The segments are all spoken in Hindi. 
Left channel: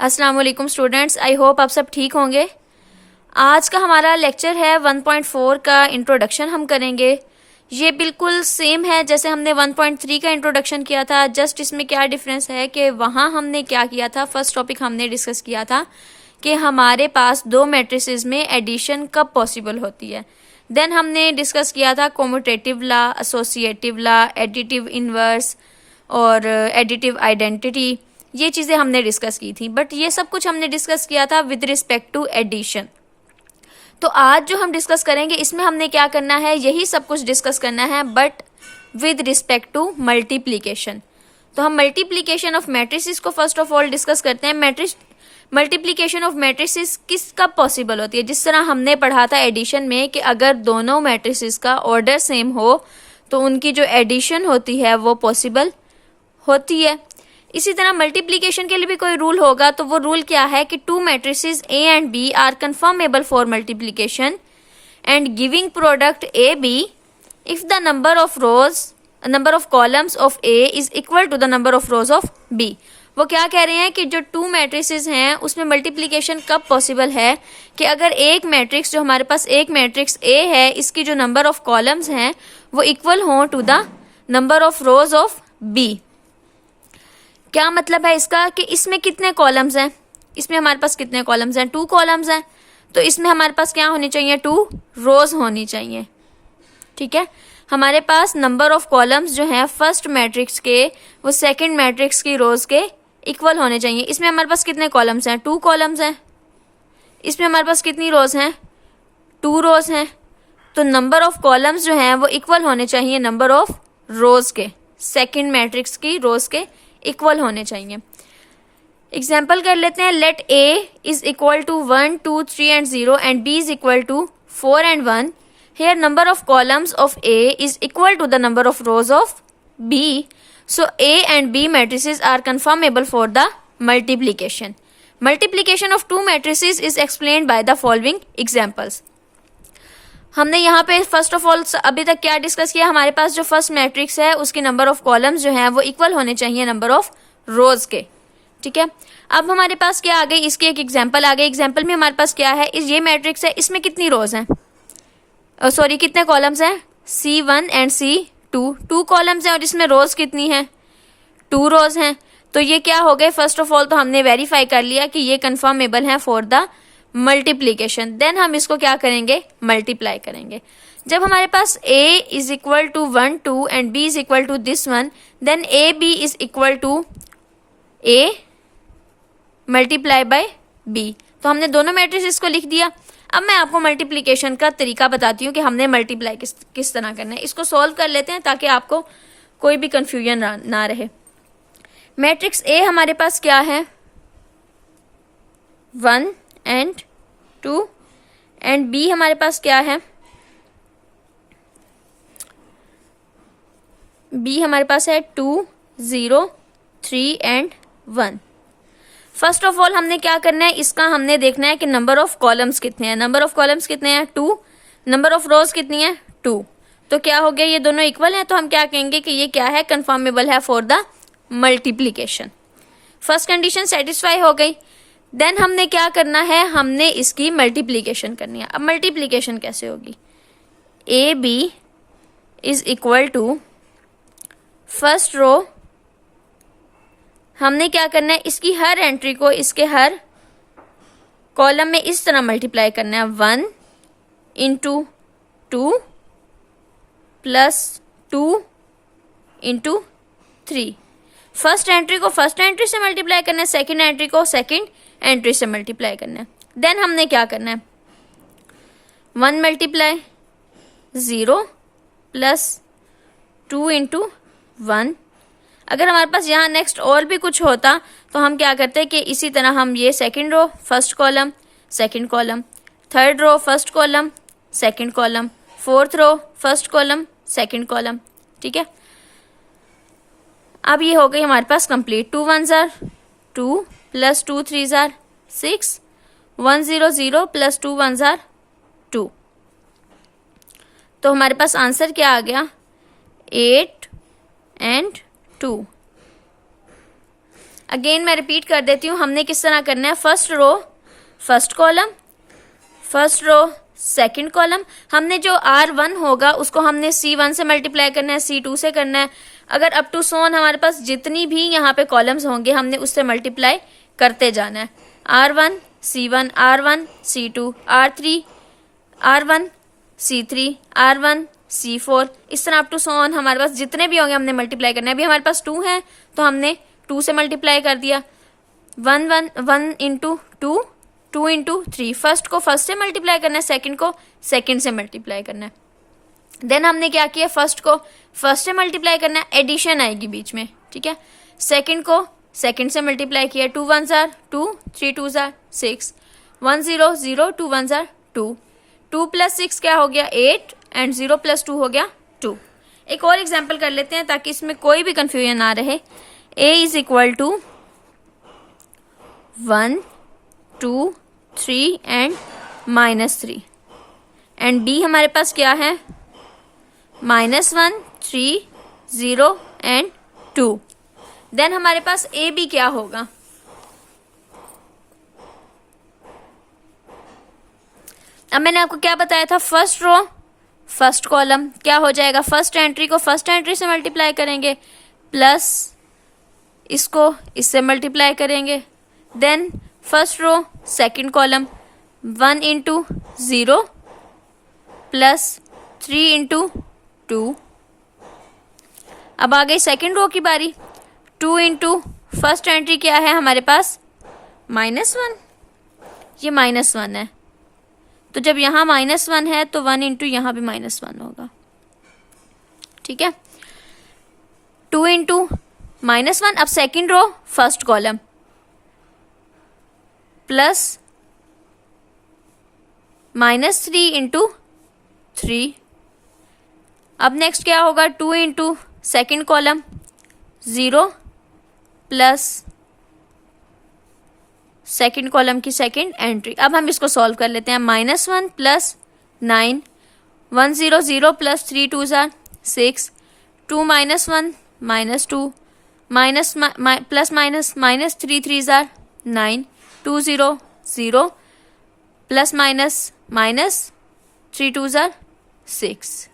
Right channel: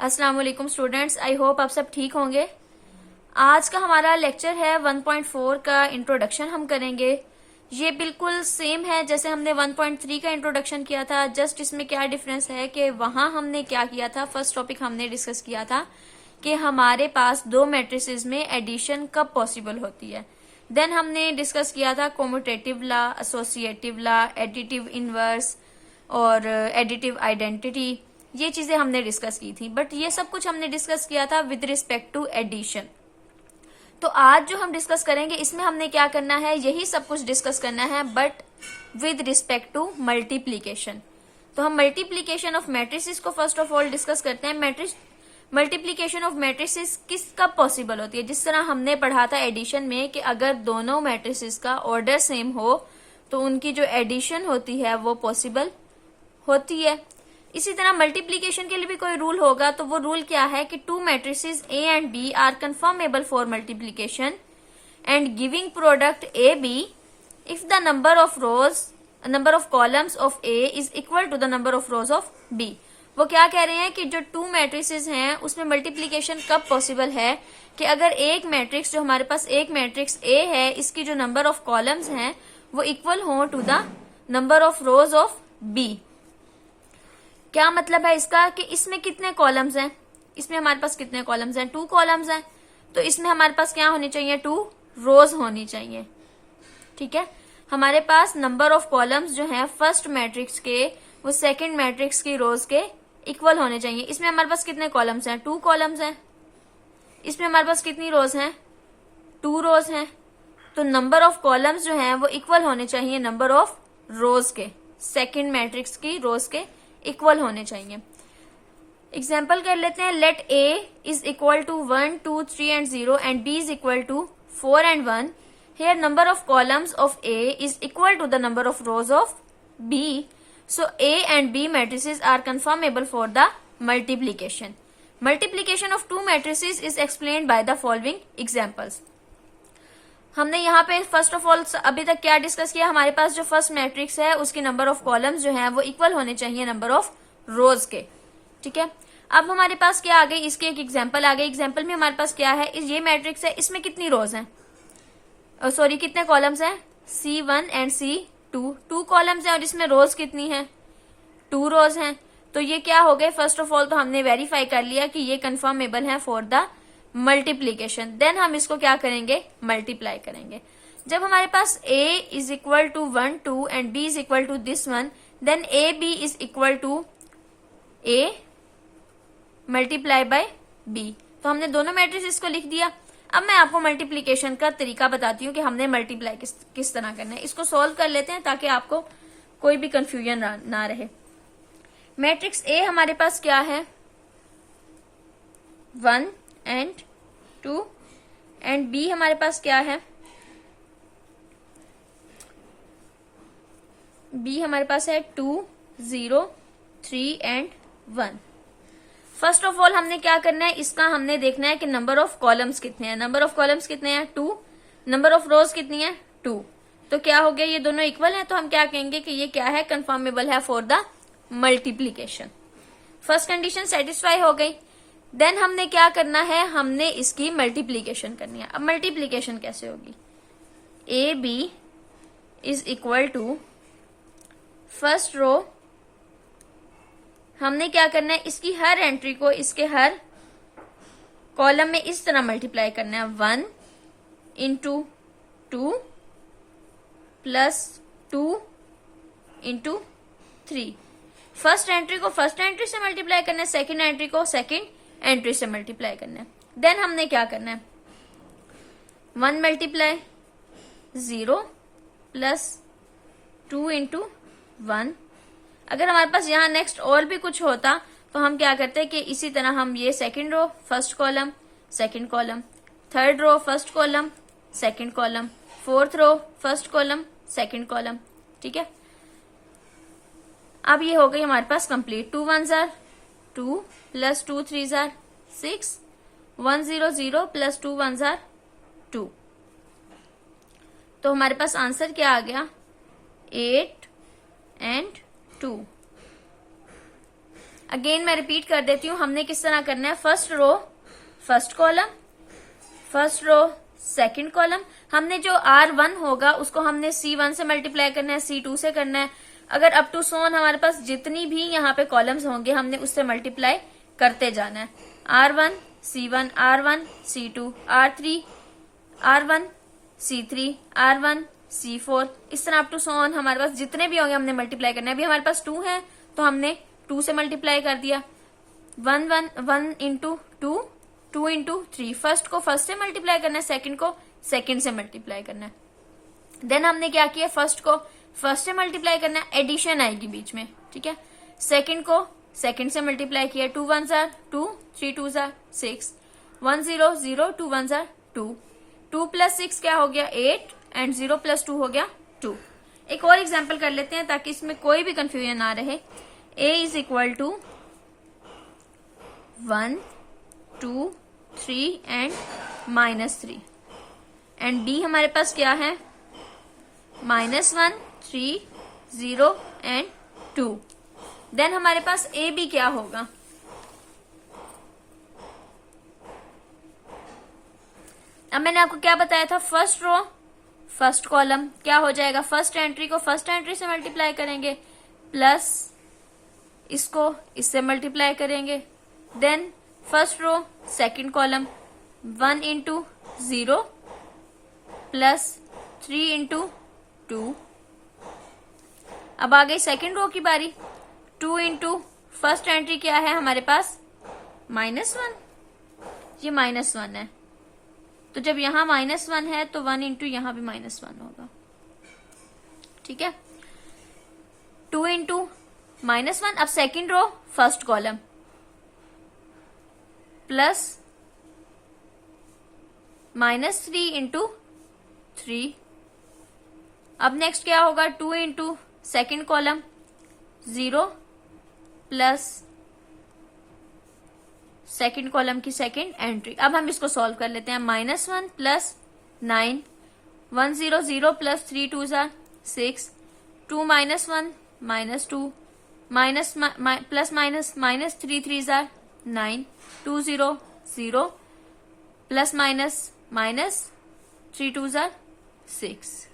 अस्सलाम वालेकुम स्टूडेंट्स, आई होप आप सब ठीक होंगे। आज का हमारा लेक्चर है 1.4 का इंट्रोडक्शन हम करेंगे। ये बिल्कुल सेम है जैसे हमने 1.3 का इंट्रोडक्शन किया था, जस्ट इसमें क्या डिफरेंस है कि वहाँ हमने क्या किया था। फर्स्ट टॉपिक हमने डिस्कस किया था कि हमारे पास दो मैट्रिसेस में एडिशन कब पॉसिबल होती है। देन हमने डिस्कस किया था commutative law, associative law, additive inverse और एडिटिव आइडेंटिटी। ये चीज़ें हमने डिस्कस की थी, बट ये सब कुछ हमने डिस्कस किया था विद रिस्पेक्ट टू एडिशन। तो आज जो हम डिस्कस करेंगे इसमें हमने क्या करना है, यही सब कुछ डिस्कस करना है but with respect to multiplication. तो हम मल्टीप्लीकेशन ऑफ मैट्रिसेस को फर्स्ट ऑफ ऑल डिस्कस करते हैं। मल्टीप्लीकेशन ऑफ मैट्रिसेस किस कब पॉसिबल होती है। जिस तरह हमने पढ़ा था एडिशन में कि अगर दोनों मैट्रिसेस का ऑर्डर सेम हो तो उनकी जो एडिशन होती है वो पॉसिबल होती है। इसी तरह मल्टीप्लीकेशन के लिए भी कोई रूल होगा, तो वो रूल क्या है कि two matrices A and B are conformable for multiplication and giving product A B if the number of columns of A is equal to the number of rows of B. वो क्या कह रहे हैं कि जो टू मैट्रिसेस हैं उसमें मल्टीप्लीकेशन कब पॉसिबल है कि अगर एक मैट्रिक्स, जो हमारे पास एक मैट्रिक्स ए है, इसकी जो नंबर ऑफ कॉलम्स हैं वो इक्वल हो to the number of rows of B. क्या मतलब है इसका कि इसमें कितने कॉलम्स हैं, इसमें हमारे पास कितने कॉलम्स हैं, 2 कॉलम्स हैं, तो इसमें हमारे पास क्या होनी चाहिए, 2 रोज होनी चाहिए। ठीक है, हमारे पास नंबर ऑफ कॉलम्स जो है फर्स्ट मैट्रिक्स के वो सेकंड मैट्रिक्स की रोज के इक्वल होने चाहिए। इसमें हमारे पास कितने कॉलम्स हैं, 2 कॉलम्स हैं। इसमें हमारे पास कितनी रोज हैं, 2 रोज हैं। तो नंबर ऑफ कॉलम्स जो हैं वो इक्वल होने चाहिए नंबर ऑफ रोज के, सेकंड मैट्रिक्स की रोज के इक्वल होने चाहिए। एग्जाम्पल कर लेते हैं। Let A is equal to 1, 2, 3 and 0 and B is equal to 4 and 1। Here number of columns of A is equal to the number of rows of B. So A and B matrices are conformable for the multiplication. Multiplication of two matrices is explained by the following examples. हमने यहाँ पे फर्स्ट ऑफ ऑल अभी तक क्या डिस्कस किया, हमारे पास जो फर्स्ट मैट्रिक्स है उसके नंबर ऑफ कॉलम्स जो हैं वो इक्वल होने चाहिए नंबर ऑफ रोज के। ठीक है, अब हमारे पास क्या आ गई, इसकी एक एग्जांपल आ गई। एग्जांपल में हमारे पास क्या है, ये मैट्रिक्स है, इसमें कितनी रोज हैं, सॉरी कितने कॉलम्स हैं, C1 एंड C2, 2 कॉलम्स हैं और इसमें रोज कितनी है, 2 रोज हैं। तो ये क्या हो गए, फर्स्ट ऑफ ऑल तो हमने वेरीफाई कर लिया कि ये कंफर्मेबल है फॉर द मल्टीप्लीकेशन। देन हम इसको क्या करेंगे, मल्टीप्लाई करेंगे। जब हमारे पास a is equal to 1, 2 and b is equal to this one, then A B is equal to a multiply by b। तो हमने दोनों मैट्रिसेस को लिख दिया। अब मैं आपको मल्टीप्लीकेशन का तरीका बताती हूँ कि हमने मल्टीप्लाई किस तरह करना है। इसको सॉल्व कर लेते हैं ताकि आपको कोई भी कंफ्यूजन ना रहे। मैट्रिक्स a हमारे पास क्या है, 1 एंड 2 एंड बी हमारे पास क्या है, बी हमारे पास है 2, 0, 3 एंड 1। फर्स्ट ऑफ ऑल हमने क्या करना है, इसका हमने देखना है कि नंबर ऑफ कॉलम्स कितने हैं। नंबर ऑफ कॉलम्स कितने हैं, 2। नंबर ऑफ रोज कितनी है, 2। तो क्या हो गया, ये दोनों इक्वल है, तो हम क्या कहेंगे कि ये क्या है, कंफर्मेबल है for the multiplication. First condition satisfy हो गई। देन हमने क्या करना है, हमने इसकी मल्टीप्लीकेशन करनी है। अब मल्टीप्लीकेशन कैसे होगी, A B is equal to first row, हमने क्या करना है, इसकी हर एंट्री को इसके हर कॉलम में इस तरह मल्टीप्लाई करना है, 1 into 2 plus 2 into 3। First entry को फर्स्ट एंट्री से मल्टीप्लाई करना है, सेकेंड एंट्री को सेकेंड एंट्री से मल्टीप्लाई करना है। देन हमने क्या करना है, 1 मल्टीप्लाई 0 प्लस 2 इंटू 1। अगर हमारे पास यहाँ नेक्स्ट और भी कुछ होता तो हम क्या करते हैं कि इसी तरह हम ये second row first column second column, third row first column second column, fourth row first column second column. ठीक है, अब ये हो गई हमारे पास complete. 2 1s are 2 plus 2 3s are 6, 1 0 0 plus 2 1s are 2। तो हमारे पास आंसर क्या आ गया, 8 एंड 2। अगेन मैं रिपीट कर देती हूँ, हमने किस तरह करना है, first row first column, first row second column. हमने जो R1 होगा उसको हमने C1 से मल्टीप्लाई करना है, C2 से करना है। अगर अप टू सोन हमारे पास जितनी भी यहाँ पे कॉलम्स होंगे हमने उससे मल्टीप्लाई करते जाना है। R1 C1, R1 C2, R3 R1 C3, R1 C4, इस तरह अप टू सोन हमारे पास जितने भी होंगे हमने मल्टीप्लाई करना है। अभी हमारे पास 2 है तो हमने 2 से मल्टीप्लाई कर दिया। 1 इंटू 2, 2 इंटू 3। फर्स्ट को फर्स्ट से मल्टीप्लाई करना है, सेकंड को सेकंड से मल्टीप्लाई करना है। देन हमने क्या किया, फर्स्ट को फर्स्ट से मल्टीप्लाई करना है, एडिशन आएगी बीच में, ठीक है। सेकंड को सेकंड से मल्टीप्लाई किया, 2 1s are 2, 3 2s are 6, 1 0 0, 2 1s are 2, 2 plus 6 क्या हो गया 8 एंड 0 प्लस 2 हो गया 2। एक और एग्जाम्पल कर लेते हैं ताकि इसमें कोई भी कंफ्यूजन ना रहे। a is equal to 1 2 3 and -3 and d हमारे पास क्या है, -1 3 0 एंड 2। देन हमारे पास ए बी क्या होगा, अब मैंने आपको क्या बताया था, फर्स्ट रो फर्स्ट कॉलम क्या हो जाएगा, फर्स्ट एंट्री को फर्स्ट एंट्री से मल्टीप्लाई करेंगे, प्लस इसको इससे मल्टीप्लाई करेंगे। Then first row second column 1 into 0 plus 3 into 2। अब आ गई सेकंड रो की बारी, 2 इंटू फर्स्ट एंट्री क्या है हमारे पास -1, ये -1 है तो जब यहां -1 है तो 1 इंटू यहां भी -1 होगा, ठीक है। 2 इंटू -1, अब second row first column plus -3 into 3। अब नेक्स्ट क्या होगा, 2 इंटू second column 0 plus second column की सेकेंड एंट्री। अब हम इसको सॉल्व कर लेते हैं, -1 plus 9, 1 0 0 plus 3 2s are 6, 2 -1 -2 minus plus minus -3 3s are 9, 2 0 0 plus minus 3 2s are 6।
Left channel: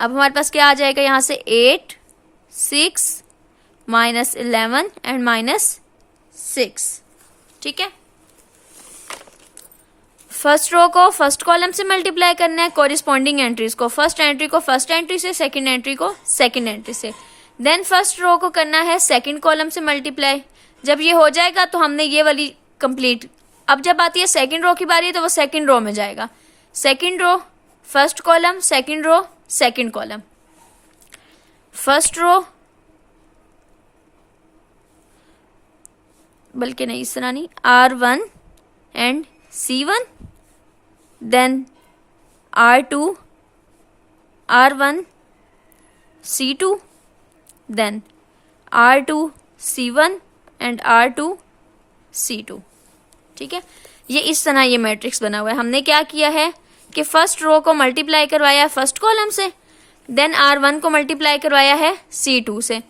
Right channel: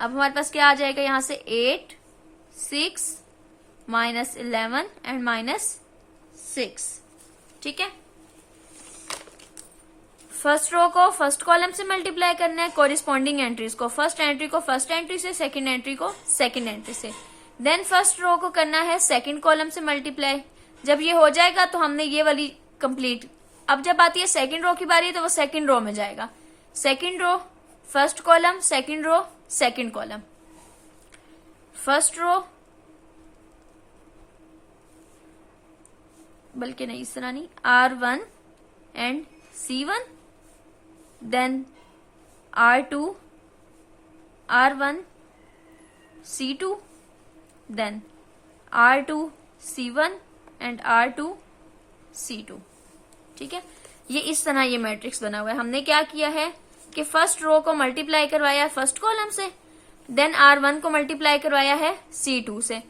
अब हमारे पास क्या आ जाएगा यहाँ से 8 6 -11 एंड -6, ठीक है। फर्स्ट रो को फर्स्ट कॉलम से मल्टीप्लाई करना है, कोरिस्पॉन्डिंग एंट्रीज को, फर्स्ट एंट्री को फर्स्ट एंट्री से, सेकंड एंट्री को सेकंड एंट्री से। देन फर्स्ट रो को करना है सेकंड कॉलम से मल्टीप्लाई। जब ये हो जाएगा तो हमने ये वाली कंप्लीट। अब जब आती है सेकंड रो की बारी तो वो सेकंड रो में जाएगा, second row first column second row second column, first row बल्कि नहीं इस तरह नहीं, R1 and C1, then R2 R1 C2, then R2 C1 and R2 C2, ठीक है। ये इस तरह ये मैट्रिक्स बना हुआ है। हमने क्या किया है कि फर्स्ट रो को मल्टीप्लाई करवाया है फर्स्ट कॉलम से, देन R1 को मल्टीप्लाई करवाया है C2 से,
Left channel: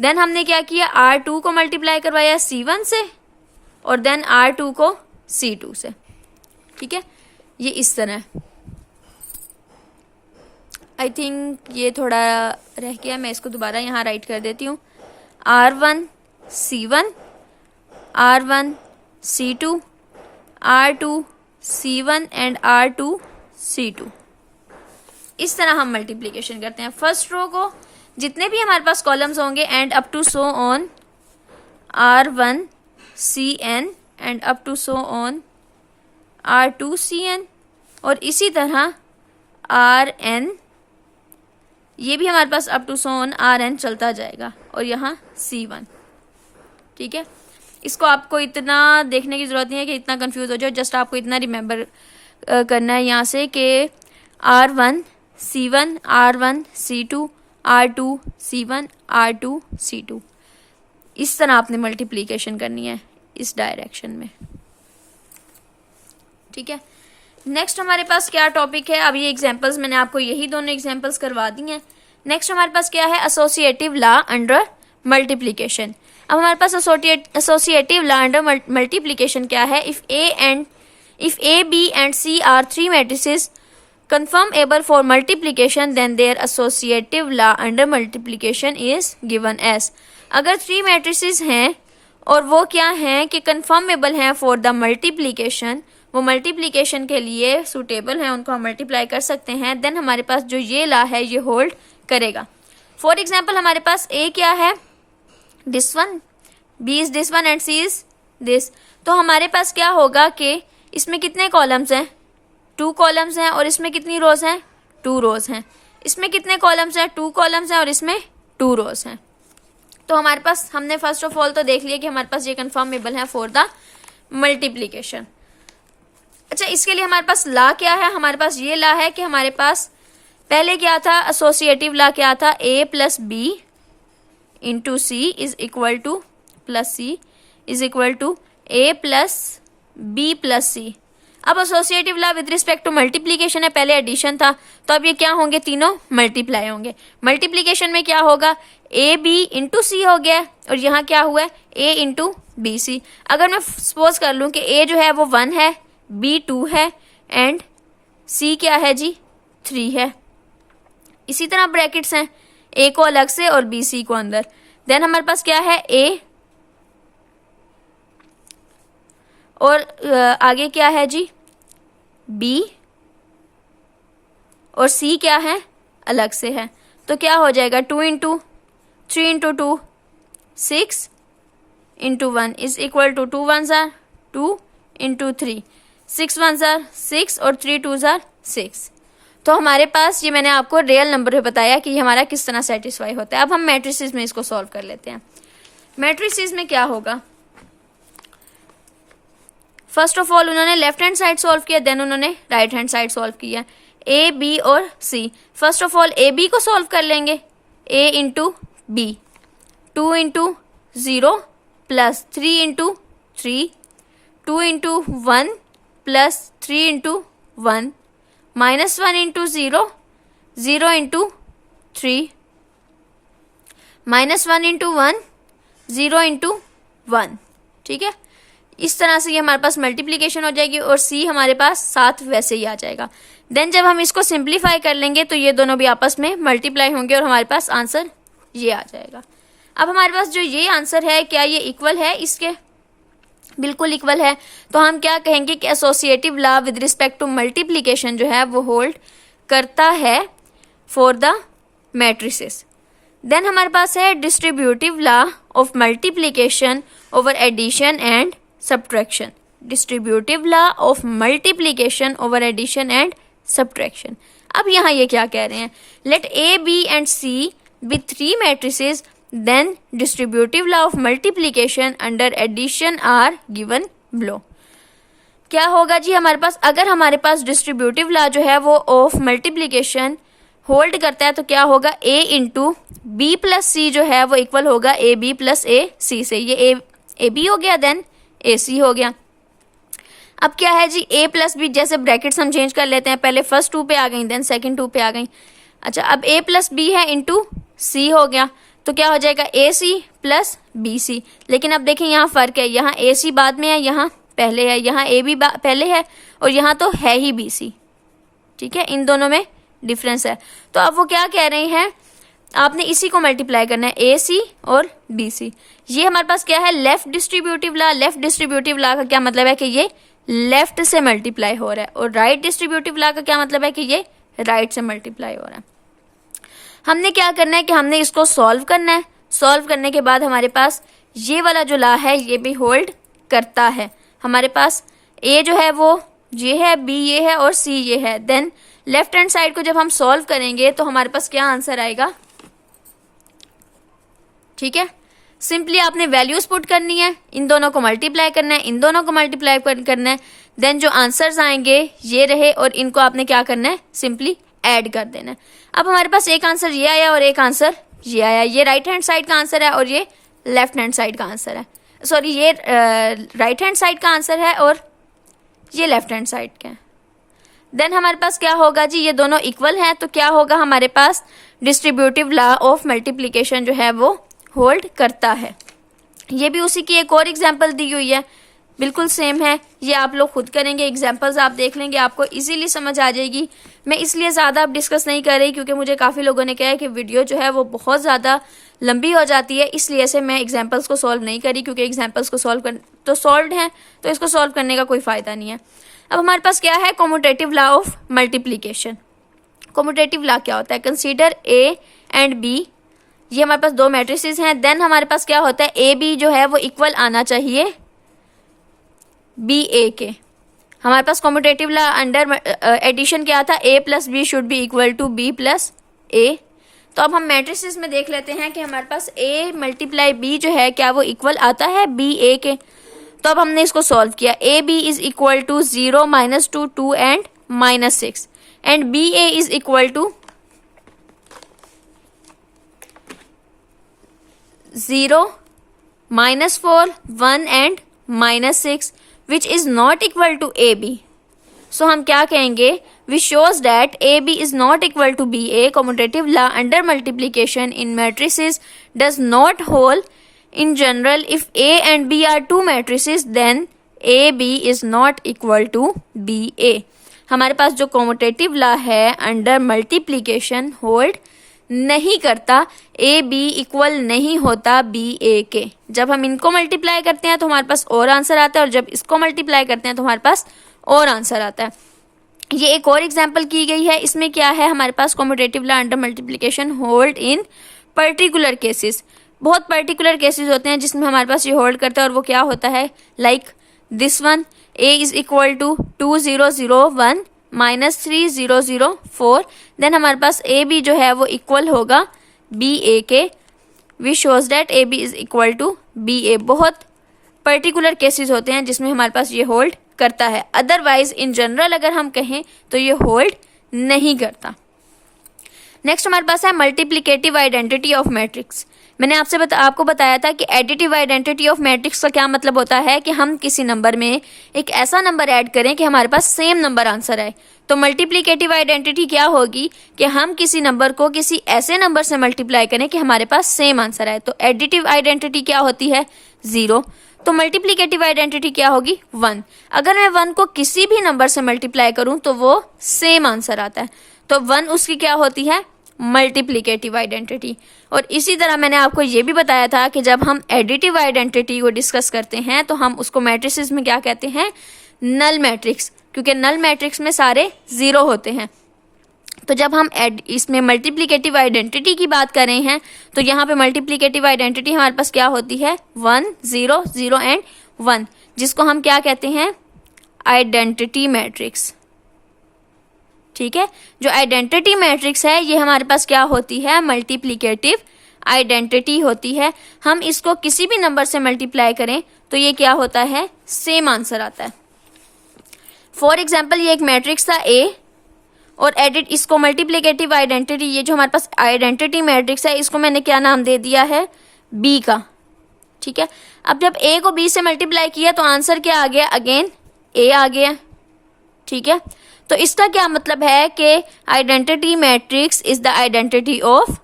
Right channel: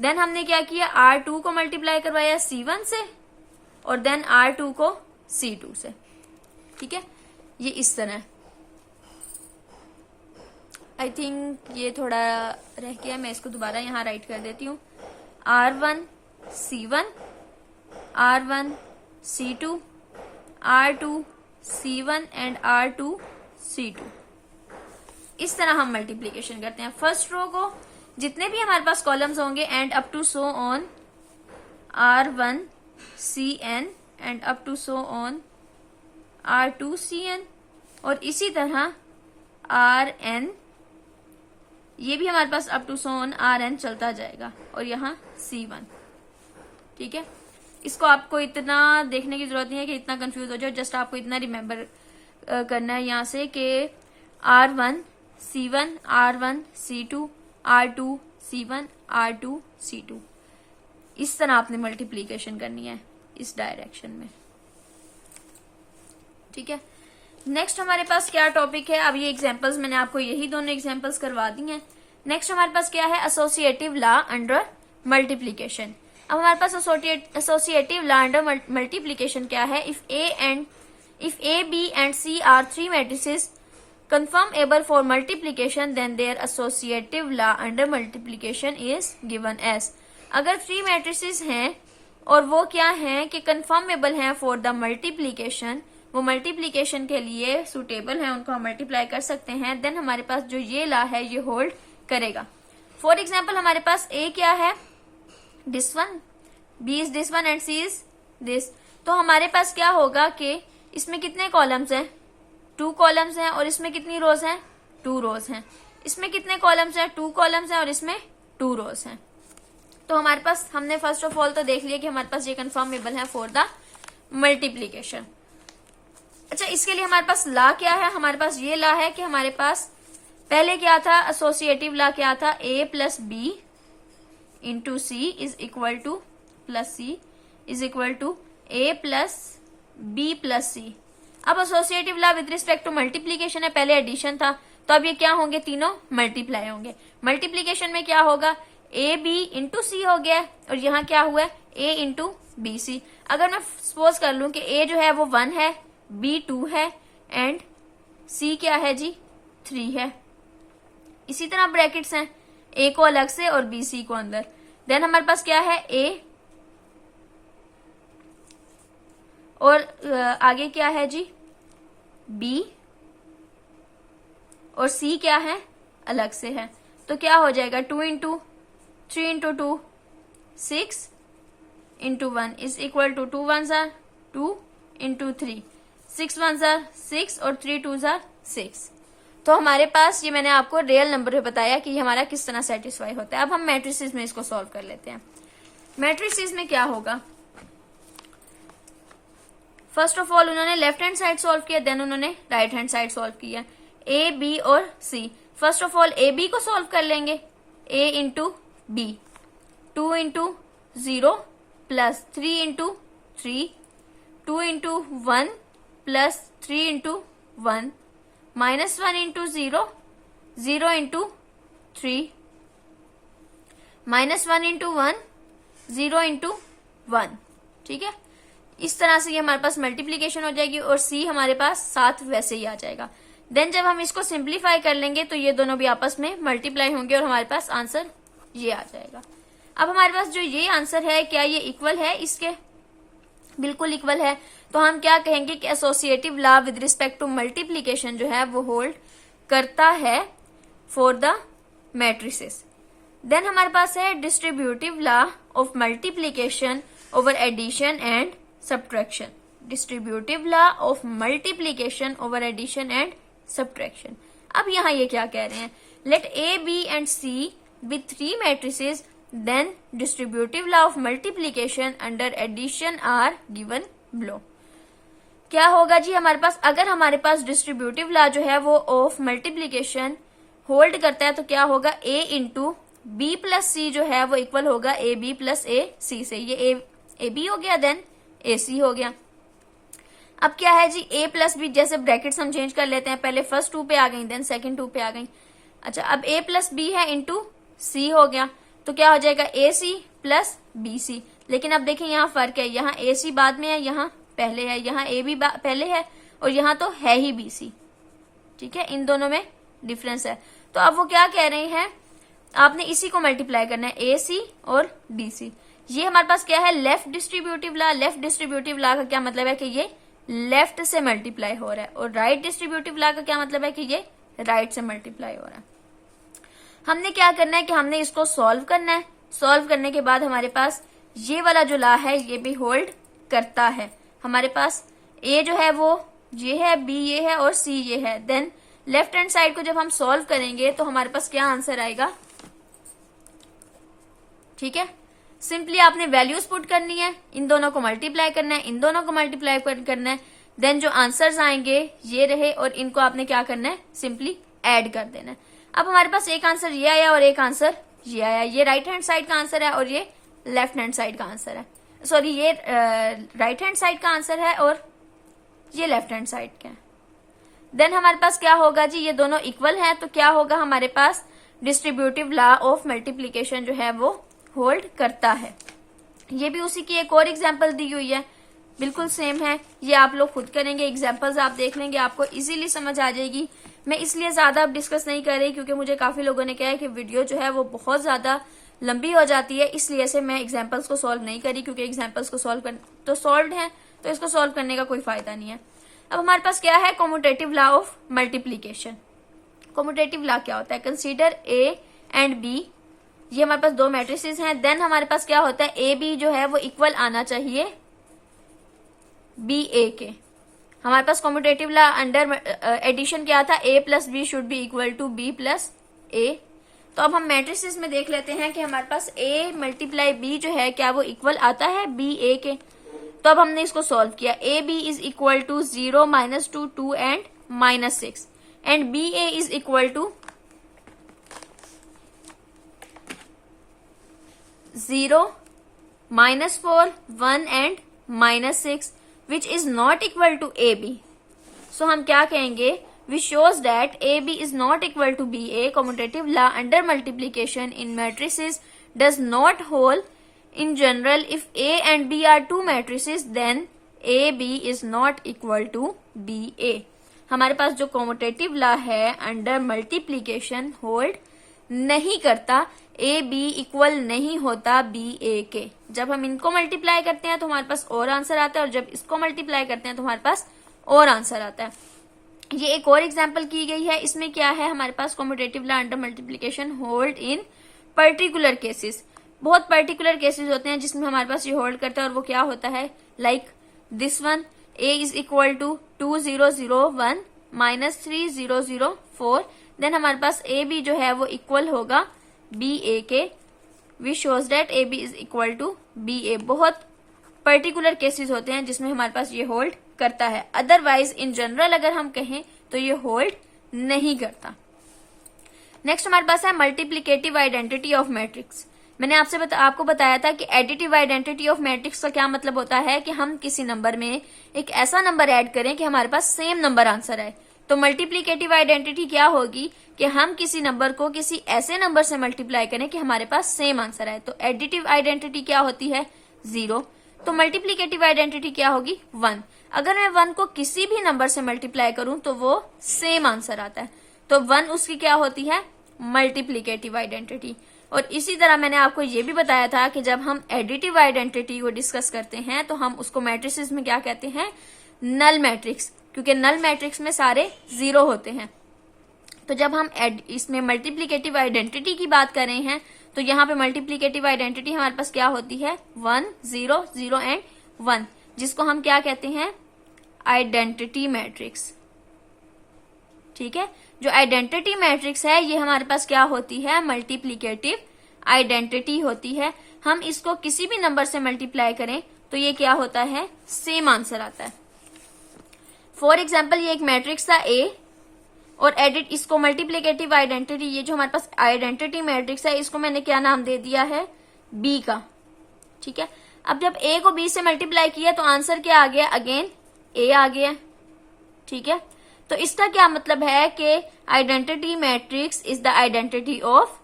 देन हमने क्या किया R2 को मल्टीप्लाई करवाया C1 से और देन R2 को C2 से, ठीक है। ये इस तरह है। आई थिंक ये थोड़ा रह गया, मैं इसको दोबारा यहाँ राइट कर देती हूँ। R1 C1 R1 C2 R2 C1 and R2 C2, इस तरह हम मल्टीप्लीकेशन करते हैं। फर्स्ट रो को जितने भी हमारे पास कॉलम्स होंगे and up to so on R1 CN and up to so on R2 CN, और इसी तरह RN, ये भी हमारे पास up to so on RN चलता जाएगा, और यहाँ C1, ठीक है। इसको आपको इतना देखने की जरूरत नहीं है कि इतना कंफ्यूज हो जाए, जस्ट आपको इतना रिमेंबर करना है यहाँ से कि R1 C1 R1 C2 R2 C1 R2 C2, इस तरह आपने मल्टीप्लीकेशन करनी है इस डायरेक्शन में, ठीक है। नेक्स्ट हमारे पास क्या टॉपिक है, अब ये एग्जांपल्स मैंने आपको यही दोनों एग्जांपल्स करवा दी हैं। नेक्स्ट हमारे पास क्या है, एसोसिएटिव लॉ अंडर मल्टीप्लीकेशन। अब हमारे पास एसोसिएटिव लॉ अंडर मल्टीप्लीकेशन क्या है? If A B and C are three matrices confirmable for multiplication then their associative law under multiplication is given as। अगर थ्री मैट्रिसेस हैं और वो क्या हैं कि कंफर्मेबल हैं फॉर द मल्टीप्लीकेशन, वो मल्टीप्लीकेशन के लिए सूटेबल हैं, उनको हम मल्टीप्लाई कर सकते हैं, देन हमारे पास जो ये लॉ है ये होल्ड करेगा। फॉर एग्जाम्पल हमारे पास ए क्या है? This one, B is this one and C is this. तो हमारे पास क्या होगा कि इसमें कितने कॉलम्स हैं? 2 कॉलम्स हैं। और इसमें कितनी रोज हैं? 2 रोज हैं। इसमें कितने कॉलम्स हैं? 2 कॉलम्स हैं और इसमें 2 रोज हैं। तो हमारे पास, हमने फर्स्ट ऑफ ऑल तो देख लिया कि हमारे पास ये कंफर्मेबल है फॉर द मल्टीप्लीकेशन। अच्छा, इसके लिए हमारे पास लॉ क्या है? हमारे पास ये लॉ है कि हमारे पास पहले क्या था? एसोसिएटिव लॉ क्या था? A plus B into C is equal to plus C is equal to A plus B plus C. अब associative law with respect to multiplication है, पहले एडिशन था, तो अब ये क्या होंगे? तीनों मल्टीप्लाई होंगे। मल्टीप्लीकेशन में क्या होगा? ए बी इंटू सी हो गया और यहाँ क्या हुआ है? ए इंटू बी सी। अगर मैं सपोज कर लूँ कि ए जो है वो 1 है, बी 2 है एंड सी क्या है जी? 3 है। इसी तरह ब्रैकेट्स हैं, ए को अलग से और बी सी को अंदर। देन हमारे पास क्या है? ए और आगे क्या है जी? बी और सी क्या है? अलग से है। तो क्या हो जाएगा? 2 into 3 into 2 6 into 1 is equal to 2 1s are 2 into 3 6 1s are 6 और 3 2s are 6। तो हमारे पास ये मैंने आपको रियल नंबर में बताया कि ये हमारा किस तरह सेटिस्फाई होता है। अब हम मैट्रिसेस में इसको सॉल्व कर लेते हैं। मैट्रिसेस में क्या होगा? फर्स्ट ऑफ ऑल उन्होंने लेफ्ट हैंड साइड सॉल्व किया, देन उन्होंने राइट हैंड साइड सॉल्व किया। ए बी और C. First of all A B को सॉल्व कर लेंगे। A into B, 2 into 0 plus 3 into 3, 2 into 1 plus 3 into 1 minus 1 into 0, 0 into 3 minus 1 into 1, 0 into 1। ठीक है, इस तरह से ये हमारे पास मल्टीप्लीकेशन हो जाएगी और सी हमारे पास साथ वैसे ही आ जाएगा। देन जब हम इसको सिंप्लीफाई कर लेंगे तो ये दोनों भी आपस में मल्टीप्लाई होंगे और हमारे पास आंसर ये आ जाएगा। अब हमारे पास जो ये आंसर है, क्या ये इक्वल है इसके? बिल्कुल इक्वल है। तो हम क्या कहेंगे कि associative law with respect to multiplication जो है वो होल्ड करता है फॉर द मैट्रिसेस। देन हमारे पास है distributive law of multiplication over addition and subtraction। Distributive law of multiplication over addition and subtraction. अब यहाँ ये क्या कह रहे हैं? Let A B and C with 3 matrices then distributive law of multiplication under addition are given below. क्या होगा जी हमारे पास? अगर हमारे पास डिस्ट्रीब्यूटिव लॉ जो है वो ऑफ मल्टीप्लीकेशन होल्ड करता है तो क्या होगा? ए इंटू बी प्लस सी जो है वो इक्वल होगा ए बी प्लस ए सी से। ये ए बी हो गया, देन ए सी हो गया। अब क्या है जी? ए प्लस बी, जैसे ब्रैकेट्स हम चेंज कर लेते हैं, पहले फर्स्ट 2 पे आ गई, देन सेकंड 2 पे आ गई। अच्छा, अब ए प्लस बी है इंटू सी हो गया, तो क्या हो जाएगा? ए सी प्लस बी सी। लेकिन अब देखें यहाँ फर्क है, यहाँ ए सी बाद में है, यहाँ पहले है, यहाँ ए बी पहले है और यहाँ तो है ही बी सी। ठीक है, इन दोनों में डिफरेंस है। तो अब वो क्या कह रहे हैं? आपने इसी को मल्टीप्लाई करना है, ए सी और बी सी। ये हमारे पास क्या है? Left distributive law. Left distributive law का क्या मतलब है? कि ये लेफ्ट से मल्टीप्लाई हो रहा है। और राइट डिस्ट्रीब्यूटिव लॉ का क्या मतलब है? कि ये राइट से मल्टीप्लाई हो रहा है। हमने क्या करना है कि हमने इसको सॉल्व करना है। सॉल्व करने के बाद हमारे पास ये वाला जो लॉ है ये भी होल्ड करता है। हमारे पास ए जो है वो ये है, बी ये है और सी ये है। देन लेफ्ट हैंड साइड को जब हम सॉल्व करेंगे तो हमारे पास क्या आंसर आएगा? ठीक है, सिंपली आपने वैल्यूज पुट करनी है, इन दोनों को मल्टीप्लाई करना है, इन दोनों को मल्टीप्लाई करना है। देन जो आंसर्स आएंगे ये रहे और इनको आपने क्या करना है? सिंपली ऐड कर देना है। अब हमारे पास एक आंसर ये आया और एक आंसर ये आया। ये राइट हैंड साइड का आंसर है और ये लेफ्ट हैंड साइड का आंसर है। सॉरी, ये राइट हैंड साइड का आंसर है और ये लेफ्ट हैंड साइड का है। देन हमारे पास क्या होगा जी? ये दोनों इक्वल हैं, तो क्या होगा हमारे पास? डिस्ट्रीब्यूटिव लॉ ऑफ मल्टीप्लीकेशन जो है वो होल्ड करता है। ये भी उसी की एक और एग्जांपल दी हुई है, बिल्कुल सेम है। ये आप लोग खुद करेंगे, एग्जांपल्स आप देख लेंगे, आपको इजीली समझ आ जाएगी। मैं इसलिए ज़्यादा अब डिस्कस नहीं कर रही क्योंकि मुझे काफ़ी लोगों ने कहा है कि वीडियो जो है वो बहुत ज़्यादा लंबी हो जाती है, इसलिए से मैं एग्जांपल्स को सॉल्व नहीं करी, क्योंकि एग्जांपल्स को सॉल्व कर तो सॉल्व हैं, तो इसको सॉल्व करने का कोई फ़ायदा नहीं है। अब हमारे पास क्या है, commutative law of multiplication. Commutative law क्या होता है, कंसीडर ए एंड बी, ये हमारे पास दो मैट्रिसेस हैं। देन हमारे पास क्या होता है, ए बी जो है वो इक्वल आना चाहिए बी ए के। हमारे पास कॉम्यूटेटिव लॉ अंडर एडिशन क्या था, A plus B should be equal to B plus A. तो अब हम मैट्रिसेस में देख लेते हैं कि हमारे पास ए मल्टीप्लाई बी जो है क्या वो इक्वल आता है बी ए के। तो अब हमने इसको सॉल्व किया, A B is equal to 0 -2 2 and -6 and B A is equal to 0 -4 1 and -6 which is not equal to AB. So हम क्या कहेंगे, which shows that AB is not equal to BA. Commutative law under multiplication in matrices does not hold. In general, if A and B are two matrices, then AB is not equal to BA. हमारे पास जो commutative law है under multiplication hold नहीं करता, ए बी इक्वल नहीं होता बी ए के। जब हम इनको मल्टीप्लाई करते हैं तो हमारे पास और आंसर आता है, और जब इसको मल्टीप्लाई करते हैं तो हमारे पास और आंसर आता है। ये एक और एग्जांपल की गई है, इसमें क्या है, हमारे पास commutative law under multiplication hold in particular cases. बहुत पर्टिकुलर केसेस होते हैं जिसमें हमारे पास ये होल्ड करता है, और वो क्या होता है, like this one, A is equal to 2001 -3004। Then हमारे पास ए बी जो है वो इक्वल होगा बी ए के, which shows that A B is equal to B A. बहुत पर्टिकुलर केसेस होते हैं जिसमें हमारे पास ये होल्ड करता है, अदरवाइज इन जनरल अगर हम कहें तो ये होल्ड नहीं करता। नेक्स्ट हमारे पास है मल्टीप्लिकेटिव आइडेंटिटी ऑफ मैट्रिक्स। मैंने आपको बताया था कि एडिटिव आइडेंटिटी ऑफ मैट्रिक्स का क्या मतलब होता है कि हम किसी नंबर में एक ऐसा नंबर ऐड करें कि हमारे पास सेम नंबर आंसर आए। तो मल्टीप्लिकेटिव आइडेंटिटी क्या होगी कि हम किसी नंबर को किसी ऐसे नंबर से मल्टीप्लाई करें कि हमारे पास सेम आंसर आए। तो एडिटिव आइडेंटिटी क्या होती है, 0। तो मल्टीप्लिकेटिव आइडेंटिटी क्या होगी, 1। अगर मैं 1 को किसी भी नंबर से मल्टीप्लाई करूं तो वो सेम आंसर आता है, तो 1 उसकी क्या होती है, मल्टीप्लिकेटिव आइडेंटिटी। और इसी तरह मैंने आपको ये भी बताया था कि जब हम एडिटिव आइडेंटिटी को डिस्कस करते हैं तो हम उसको मैट्रिसेस में क्या कहते हैं, नल मैट्रिक्स, क्योंकि नल मैट्रिक्स में सारे 0 होते हैं। तो जब हम इसमें मल्टीप्लिकेटिव आइडेंटिटी की बात कर रहे हैं तो यहाँ पे मल्टीप्लिकेटिव आइडेंटिटी हमारे पास क्या होती है, 1 0 0 एंड 1, जिसको हम क्या कहते हैं, आइडेंटिटी मैट्रिक्स। ठीक है, जो आइडेंटिटी मैट्रिक्स है ये हमारे पास क्या होती है, मल्टीप्लिकेटिव आइडेंटिटी होती है। हम इसको किसी भी नंबर से मल्टीप्लाई करें तो ये क्या होता है, सेम आंसर आता है। फॉर एग्जाम्पल ये एक मैट्रिक्स था ए, और इसको मल्टीप्लिकेटिव आइडेंटिटी, ये जो हमारे पास आइडेंटिटी मैट्रिक्स है इसको मैंने क्या नाम दे दिया है, बी का। ठीक है, अब जब ए को बी से मल्टीप्लाई किया तो आंसर क्या आ गया, अगेन ए आ गया। ठीक है, तो इसका क्या मतलब है कि identity matrix is the identity of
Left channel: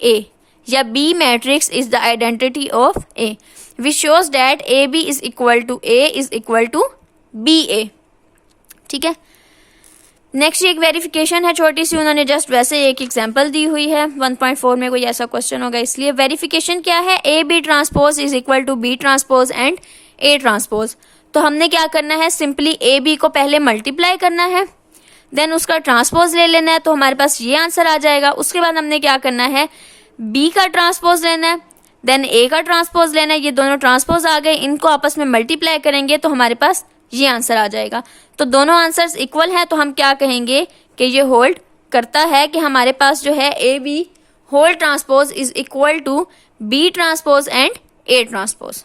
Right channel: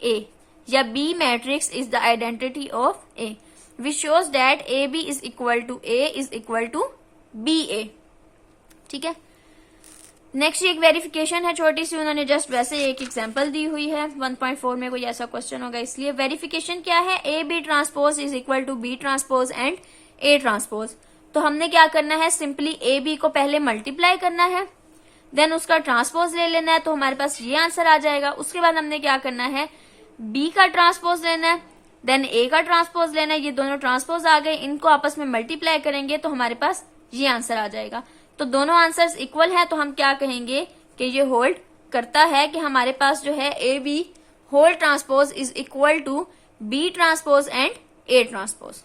A, या B matrix is the identity of A, which shows that A B is equal to A is equal to B A. ठीक है, नेक्स्ट एक वेरिफिकेशन है छोटी सी, उन्होंने जस्ट वैसे एक एग्जांपल दी हुई है, 1.4 में कोई ऐसा क्वेश्चन होगा इसलिए। वेरिफिकेशन क्या है, A B transpose is equal to B transpose and A transpose. तो हमने क्या करना है, सिंपली ए बी को पहले मल्टीप्लाई करना है, देन उसका ट्रांसपोज ले लेना है, तो हमारे पास ये आंसर आ जाएगा। उसके बाद हमने क्या करना है, बी का ट्रांसपोज लेना है, देन ए का ट्रांसपोज लेना है। ये दोनों ट्रांसपोज आ गए, इनको आपस में मल्टीप्लाई करेंगे तो हमारे पास ये आंसर आ जाएगा। तो दोनों आंसर्स इक्वल हैं, तो हम क्या कहेंगे कि ये होल्ड करता है कि हमारे पास जो है A B whole transpose is equal to B transpose and A transpose.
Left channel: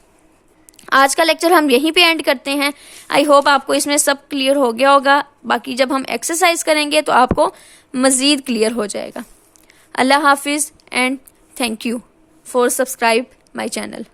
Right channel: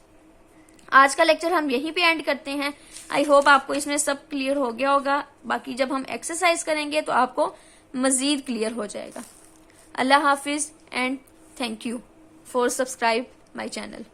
आज का लेक्चर हम यहीं पे एंड करते हैं। आई होप आपको इसमें सब क्लियर हो गया होगा, बाकी जब हम एक्सरसाइज करेंगे तो आपको मज़ीद क्लियर हो जाएगा। अल्लाह हाफिज़ and thank you for subscribe my channel.